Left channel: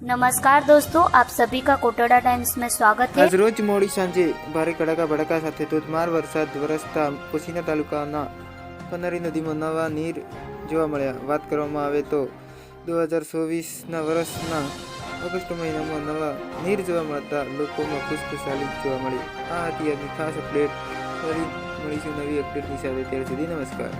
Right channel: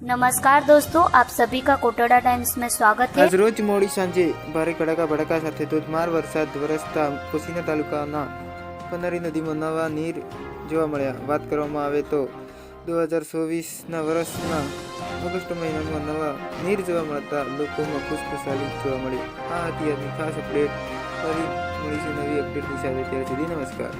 नमस्कार दोस्तों, आप सभी का कोटड़ा टाइम्स में स्वागत है। આજ રોજ મોડી સાંજે ભારે કડાકા ભડાકા સાથે ધોધમાર વરસાદ વરસતા કોસીના તાલુકાના પનારી નદીમાં નવા નીર જોવા મળ્યા. વાત કરવામાં આવે તો 2024ના વર્ષના ઓગસ્ટ મહિનામાં નવા નીર જોવા મળતા લોકોમાં ખુશખુશાલી જોવા મળી. આ હતી આજની ખાસ અપડેટ. ફરી મળીશું નવી અપડેટની સાથે. ત્યાર સુધી નમસ્કાર.